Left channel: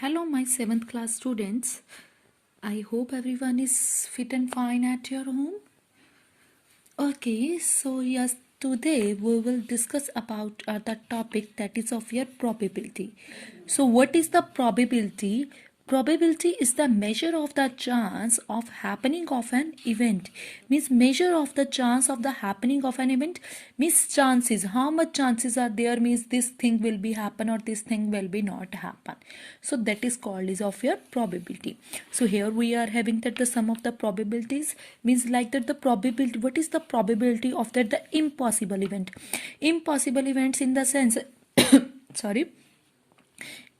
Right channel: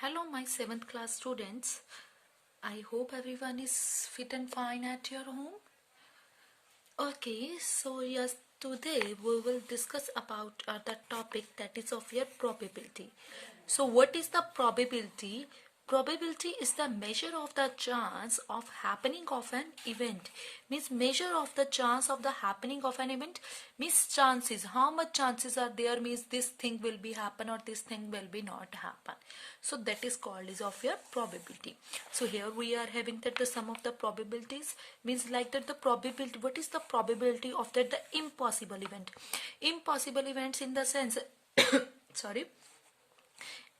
Hello, my 7th class students. I hope everyone is fit and fine at your home. Okay, so yes, today we will discuss about the topic that is of your probability. So, what is the probability? Probability is the measure of the chance of happening of an event. Means measure of the chance of the happening of an event. Means chances. How much chances are there? Means this thing will be happen or this thing will be not happen. So that is called is of your probability. So here we are having that the sum of the probabilities means like that the probability. What is the probability of that the impossible event? Impossible events in the sense sorry,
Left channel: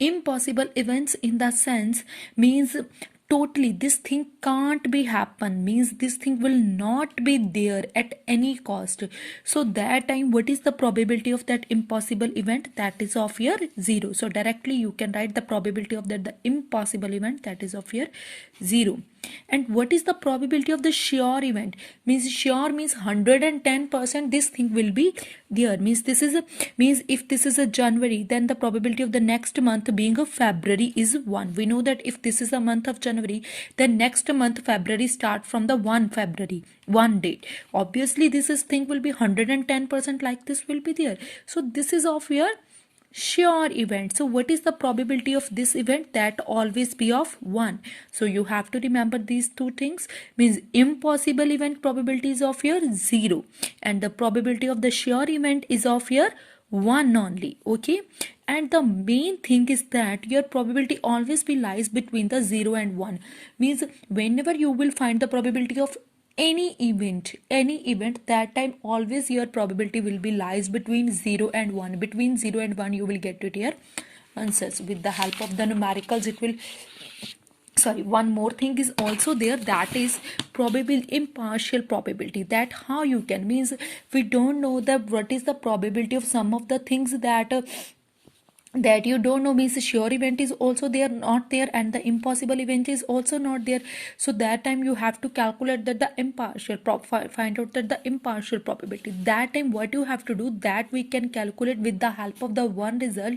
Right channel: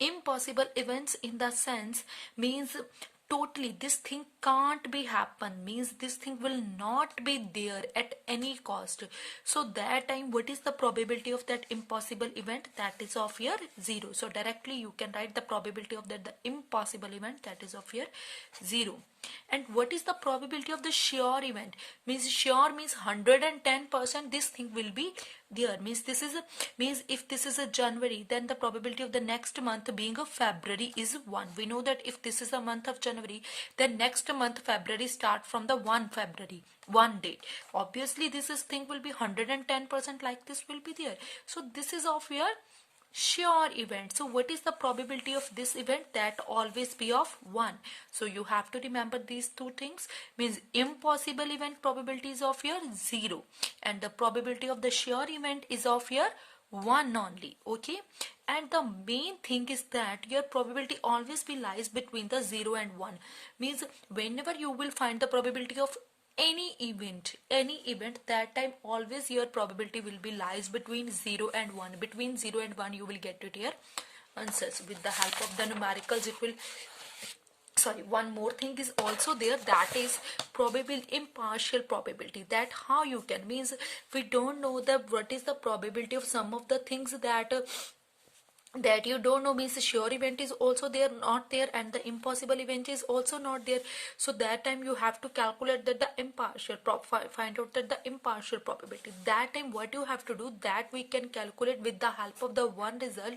impossible events in the sense means totally this thing can't be happen, means this thing will not be there at any cost. So that time what is the probability of that impossible event? That is of your 0. So directly you can write the probability of that the impossible event, that is of your 0. And what is the probability of the sure event? Means sure means 110% this thing will be there. Means this is a means if this is a January, then the probability of the next month being a February is 1. We know that if this is the month of January, then next month February start from the 1 February, one date. Obviously this is thing will be 110% like this will be there. So this is of your sure event. So what is the probability of this event? That always be of 1. So you have to remember these two things. Means impossible event probability is of your 0 and the probability of the sure event is of your 1 only. Okay, and the main thing is that your probability always be lies between the 0 and 1. Means whenever you will find the probability of any event, that time always your probability will be lies between 0 and 1. Between 0 and 1 you will get to your answers with the help of the numericals. It will one more thing is also there, that is probable impartial probability. That how you can means we don't know the what is the probability of some of the things that you don't know, means sure event is also there not there and the impossible event is also not there. So that time you have to calculate that the impartial find out that the impartial probability. That time what you have to do, that we can calculate with the help of the one result,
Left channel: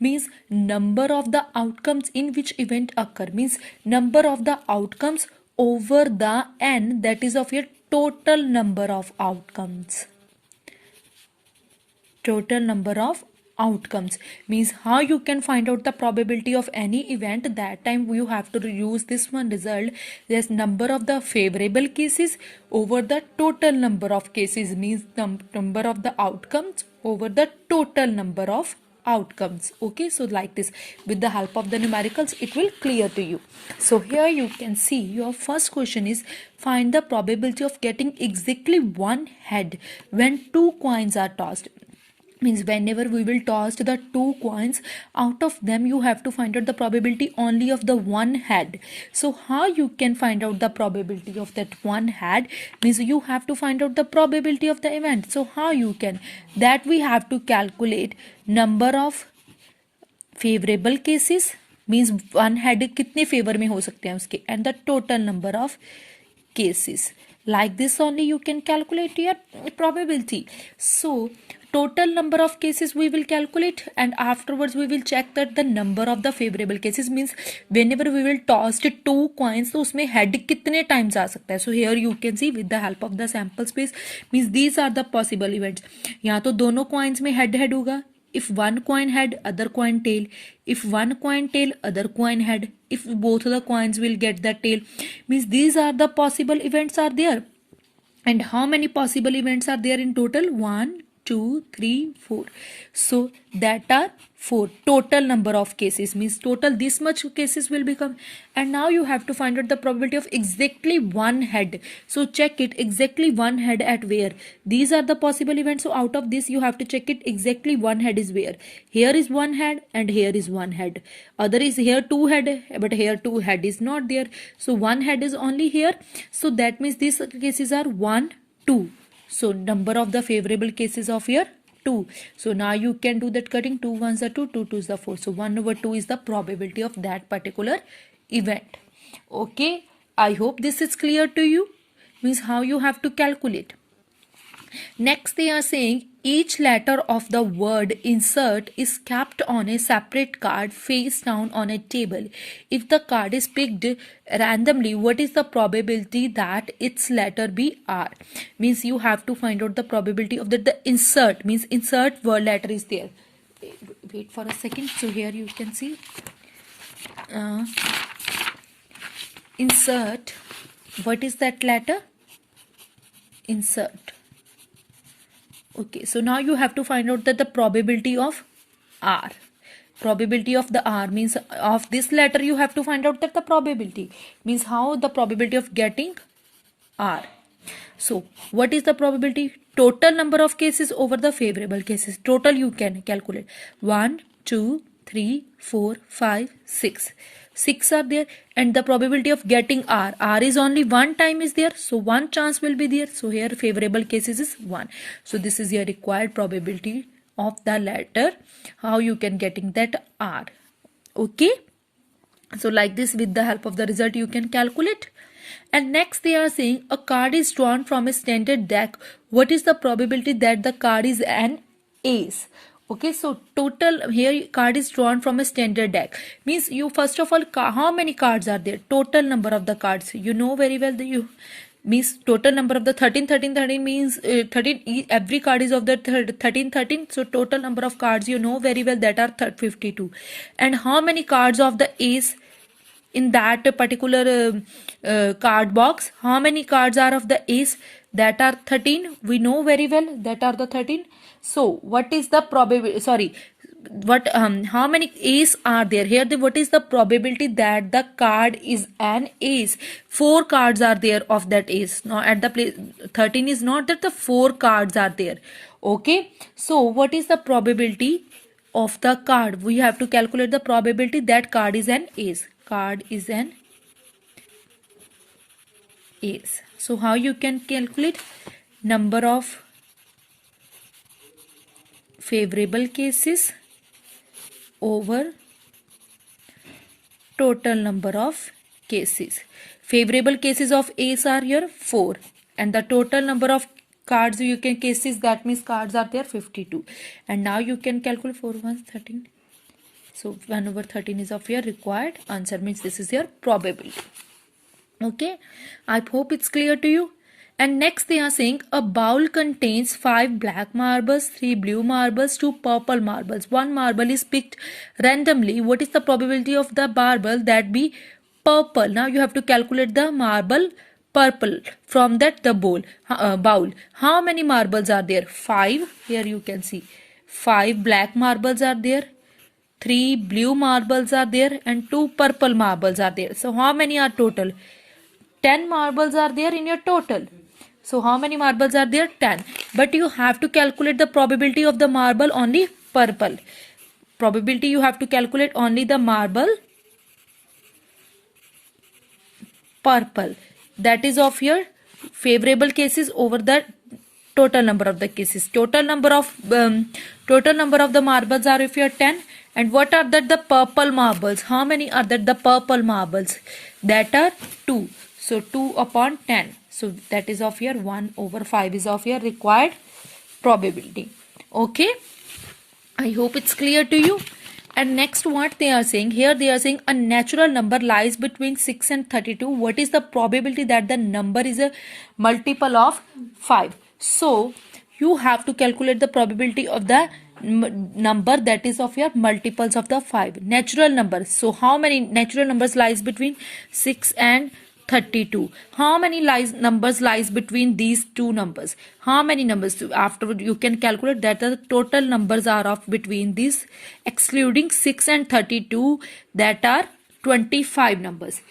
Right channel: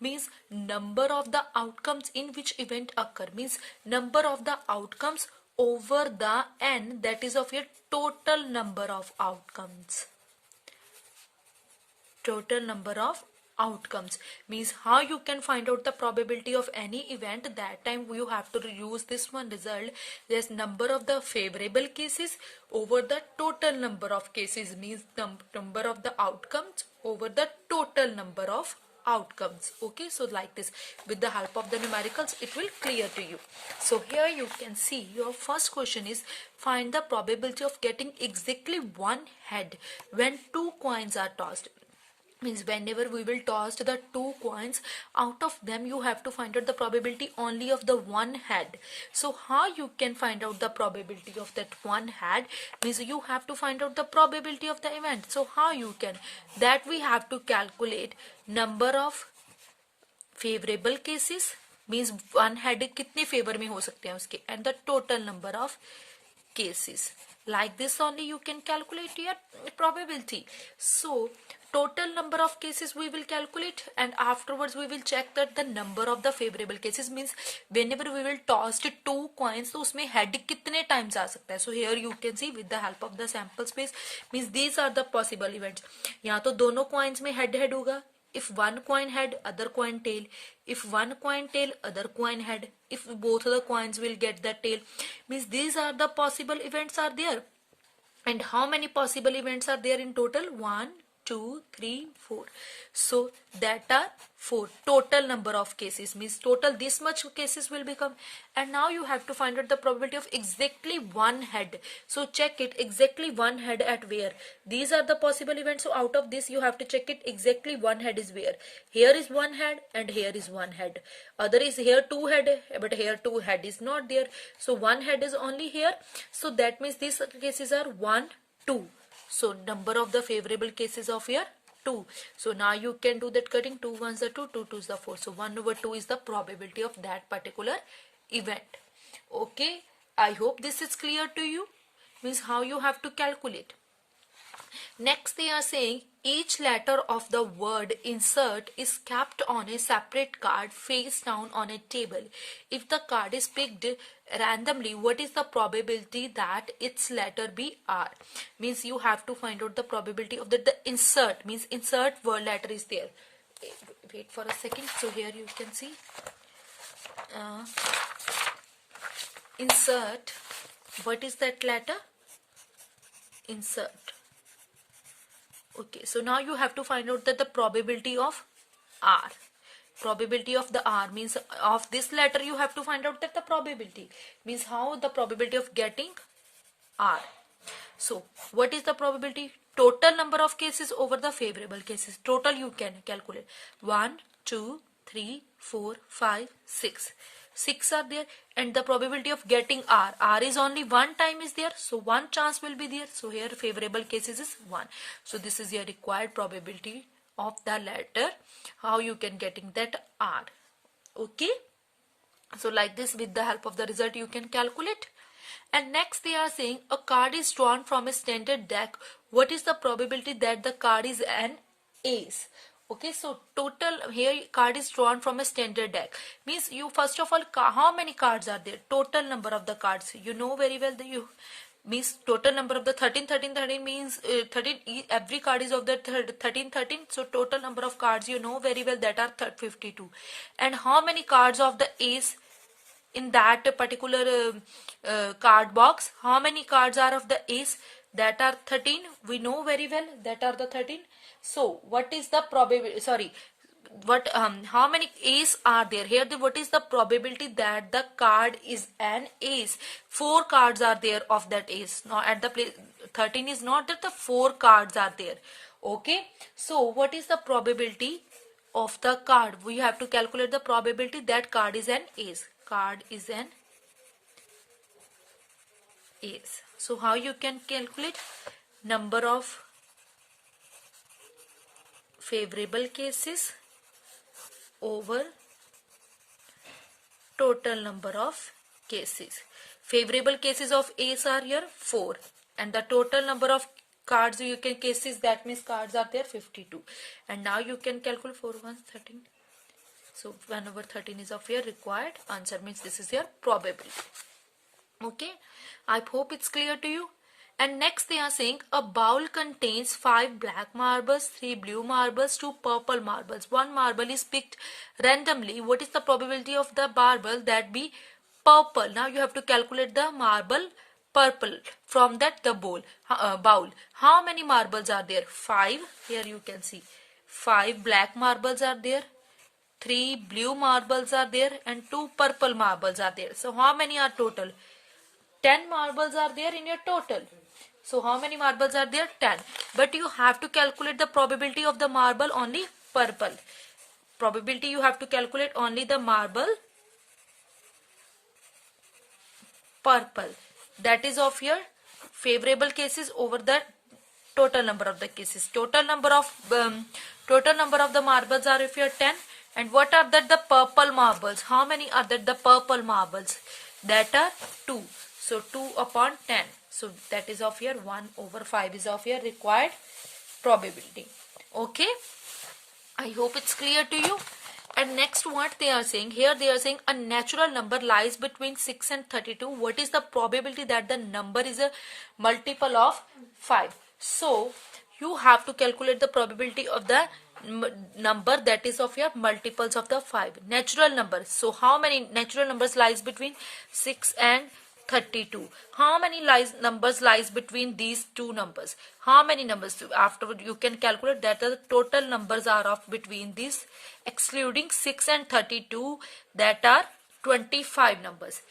means number of the outcomes in which event occur, means number of the outcomes over the n, that is of your total number of outcomes. Total number of outcomes means how you can find out the probability of any event. That time you have to use this one result, there's number of the favorable cases over the total number of cases, means the number of the outcomes over the total number of outcomes. Okay, so like this with the help of the numericals it will clear to you. So here you can see your first question is find the probability of getting exactly one head when two coins are tossed. Means whenever we will toss the two coins, out of them you have to find out the probability only of the one head. So how you can find out the probability of that one head? Means you have to find out the probability of the event. So how you can? That we have to calculate number of favorable cases, means one head कितने favor में हो सकते हैं उसके, and the total number of cases. Like this only you can calculate your probability. So total number of cases we will calculate and afterwards we will check that the number of the favorable cases, means whenever we will toss two coins तो उसमें head कितने times आ सकता है. So here you can see with the help of the sample space, means these are the possible events. यहाँ तो दोनों coins में head head होगा. If one coin head, other coin tail. If one coin tail, other coin head. If both of the coins will get the tail, means these are the possible events are there. And how many possible events are there in total? 1, 2, 3, 4. So that are 4 total number of cases, means total this much cases will become. And now you have to find out the probability of exactly one head. So check it, exactly one head at where? These are the possible events. So out of this you have to check it, exactly one head is where? Here is one head and here is one head. Other is here two head, but here two head is not there. So one head is only here. So that means these cases are 1, 2. So number of the favorable cases of here 2. So now you can do that cutting. 2 ones are 2, 2 twos are 4. So 1 over 2 is the probability of that particular event. Okay, I hope this is clear to you. Means how you have to calculate. Next, they are saying each letter of the word insert is kept on a separate card face down on a table. If the card is picked randomly, what is the probability that its letter be R? Means you have to find out the probability of the insert, means insert word letter is there. Wait for a second. So here you can see insert. What is that letter? Insert. Okay, so now you have to find out that the probability of R. Probability of the R means of this letter you have to find out that the probability means how the probability of getting R. So what is the probability? Total number of cases over the favorable cases. Total you can calculate. 1, 2, 3, 4, 5, 6. 6 are there and the probability of getting R. R is only one time is there. So one chance will be there. So here favorable cases is 1. So this is your required probability of the letter. How you can getting that R. Okay. So like this with the help of the result you can calculate. And next they are saying a card is drawn from a standard deck. What is the probability that the card is an ace? Okay, so total here card is drawn from a standard deck. Means you first of all how many cards are there? Total number of the cards. You know very well that you means total number of the 13 13 13 means 13 every card is of the 13 13. So total number of cards you know very well that are 52. And how many cards of the ace in that particular card box? How many cards are of the ace? That are 13. We know very well that are the 13. So what is the probability? Sorry, what how many ace are there here? What is the probability that the card is an ace? 4 cards are there of that ace. Now at the place 13 is not that the 4 cards are there. Okay, so what is the probability of the card? We have to calculate the probability that card is an ace. Card is an ace. So how you can calculate? Number of favorable cases over total number of cases. Favorable cases of ace are here 4 and the total number of cards you can cases, that means cards are there 52. And now you can calculate 4 1 13. So 1 over 13 is of your required answer, means this is your probability. Okay, I hope it's clear to you. And next they are saying a bowl contains 5 black marbles, 3 blue marbles, 2 purple marbles. 1 marble is picked randomly. What is the probability of the marble that be purple? Now you have to calculate the marble purple from that the bowl. How many marbles are there? 5. Here you can see 5 black marbles are there. 3 blue marbles are there and 2 purple marbles are there. So how many are total? 10 marbles are there in your total. So how many marbles are there? 10. But you have to calculate the probability of the marble only purple. Probability you have to calculate only the marble purple. That is of your favorable cases over the total number of the cases. Total number of the marbles are if you are 10. And what are that? The purple marbles. How many are that? The purple marbles. That are 2. So 2 upon 10. So that is of your 1 over 5 is of your required probability. Okay. I hope it's clear to you. And next what they are saying here, they are saying a natural number lies between 6 and 32. What is the probability that the number is a multiple of 5? So you have to calculate the probability of the number that is of your multiples of the 5 natural numbers. So how many natural numbers lies between 6 and 32? How many numbers lies between these two numbers? How many numbers? Afterward you can calculate that the total numbers are of between these excluding 6 and 32, that are 25 numbers.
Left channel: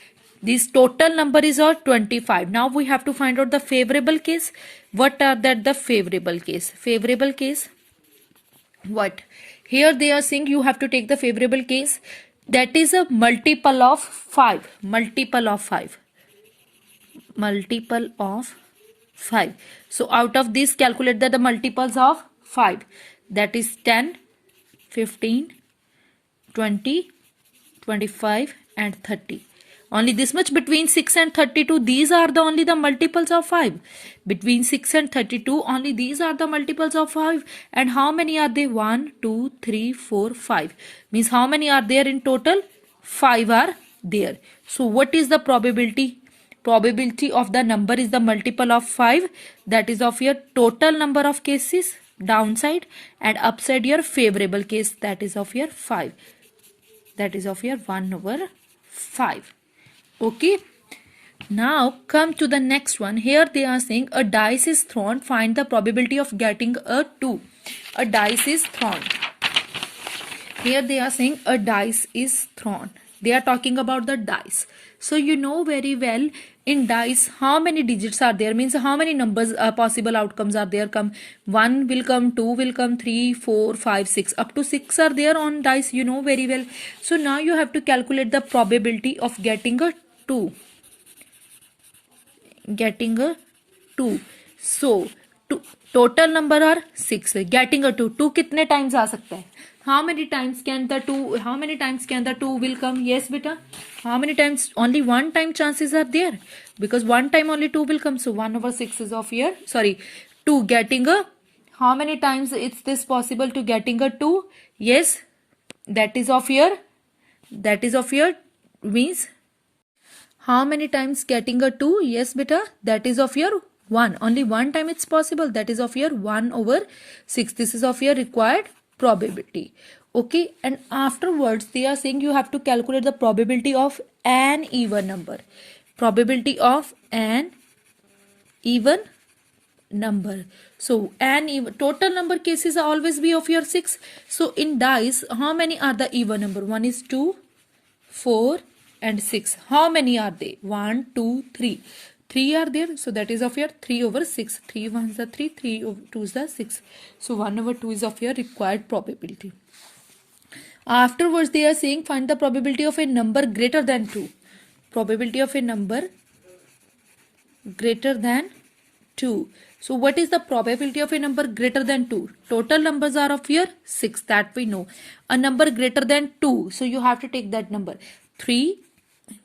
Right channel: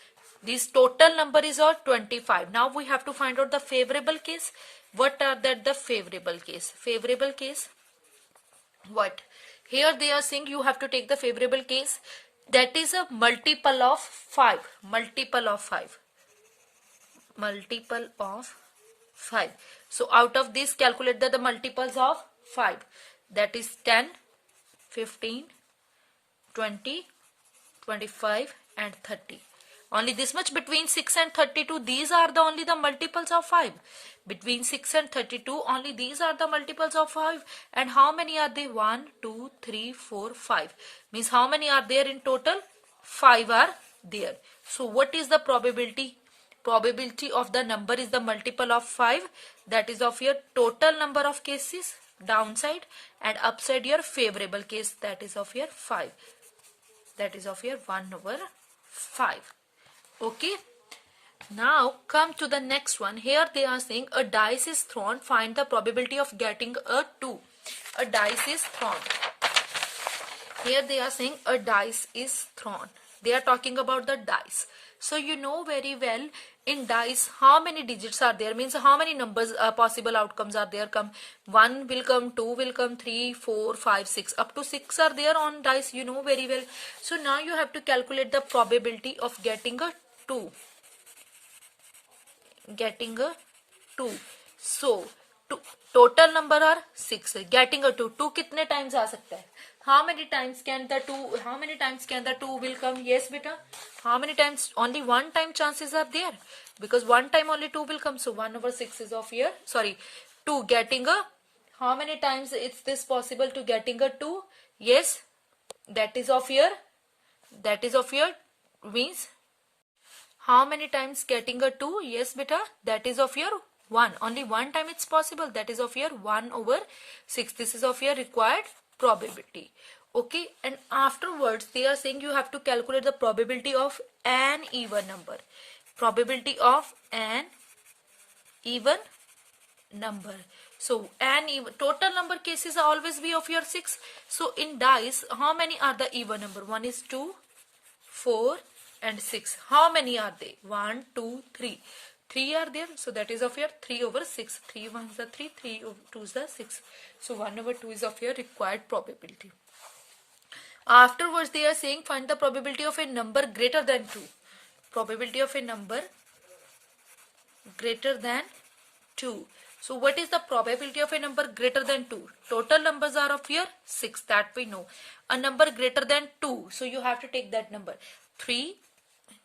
This total number is all 25. Now we have to find out the favorable case. What are that? The favorable case. Favorable case. What? Here they are saying you have to take the favorable case that is a multiple of 5. Multiple of 5. Multiple of 5. So out of this calculate the multiples of 5. That is 10, 15, 20, 25 and 30. Only this much. Between 6 and 32, these are the only the multiples of 5. Between 6 and 32, only these are the multiples of 5. And how many are they? 1, 2, 3, 4, 5. Means how many are there in total? 5 are there. So what is the probability? Probability of the number is the multiple of 5. That is of your total number of cases downside, and upside your favorable case, that is of your 5. That is of your 1 over 5. Okay. Now come to the next one. Here they are saying a dice is thrown. Find the probability of getting a 2. A dice is thrown. Here they are saying a dice is thrown. They are talking about the dice. So you know very well in dice how many digits are there, means how many numbers possible outcomes are there. Come 1 will come, 2 will come, 3, 4, 5, 6, up to 6 are there on dice, you know very well. So now you have to calculate the probability of getting a 2. Getting a 2. So total number are 6. Getting a 2. 2 कितने times आ सकता है? How many times can the 2? How many times can the 2 will come? Yes, beta. How many times? Only one time chances are there, because one time only 2 will come. So 1 over 6 is of your 2 getting a. How many times it's this possible to getting a 2? Yes, that is of your means. How many times getting a 2? Yes, beta. That is of your 1. Only one time it's possible. That is of your 1 over 6. This is of your required probability. Okay. And afterwards they are saying you have to calculate the probability of an even number. Probability of an even number. So an even total number cases always be of your 6. So in dice, how many are the even number? 1 is 2, 4 and 6. How many are they? 1, 2, 3. 3 are there. So that is of your 3 over 6. 3 1s are 3, 3 over 2s are 6. So 1 over 2 is of your required probability. Afterwards they are saying find the probability of a number greater than 2. Probability of a number greater than 2. So what is the probability of a number greater than 2? Total numbers are of here 6, that we know. A number greater than 2. So you have to take that number. 3,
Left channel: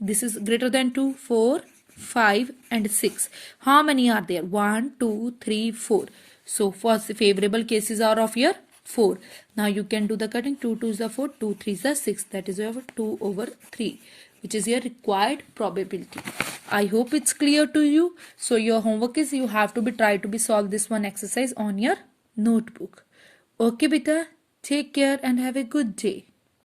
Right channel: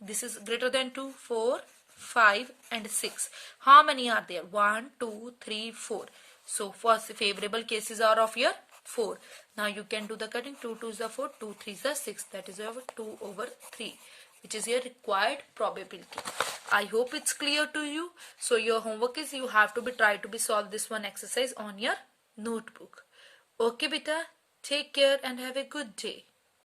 this is greater than 2, 4, 5 and 6. How many are there? 1, 2, 3, 4. So first favorable cases are of here 4. Now you can do the cutting. 2 2s are 4, 2 3s are 6. That is your 2 over 3, which is your required probability. I hope it's clear to you. So your homework is you have to try to solve this one exercise on your notebook. Okay, beta. Take care and have a good day.